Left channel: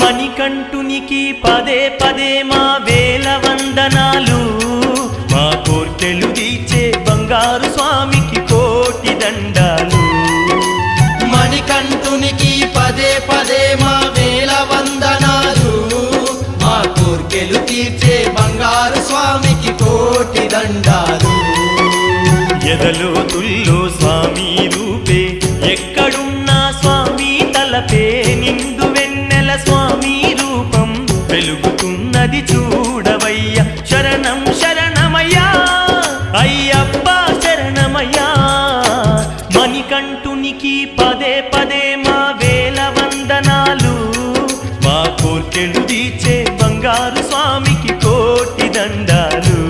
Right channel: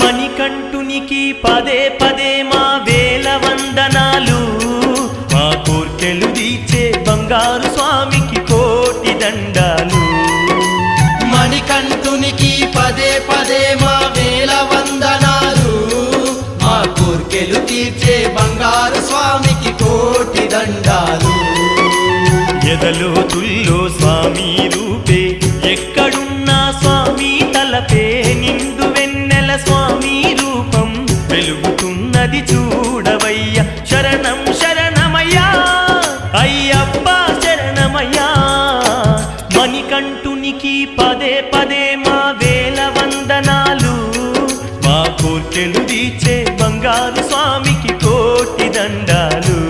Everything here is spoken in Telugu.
మణికంఠునికి పదే పదే మా వేల వందనాలు, మా కోర్కెలు తీర్చే బంగారు స్వామికి కోటి దండాలు. మణికంఠునికి పదే పదే మా వేల వందనాలు, మా కోర్కెలు తీర్చే బంగారు స్వామికి కోటి దండాలు. ఎదలో తుల్లో స్వామి రూపే, ఎక్కడున్నా స్వామి తలపే, నిండు వెన్నెల స్వామి రూపం వెలుగుతున్నది చూడవయ్యా. శరణం శరణమయ్యా అయ్యప్ప శరణమయ్యా. మణికంఠునికి పదే పదే మా వేల వందనాలు, మా కోర్కెలు తీర్చే బంగారు స్వామికి కోటి దండాలు.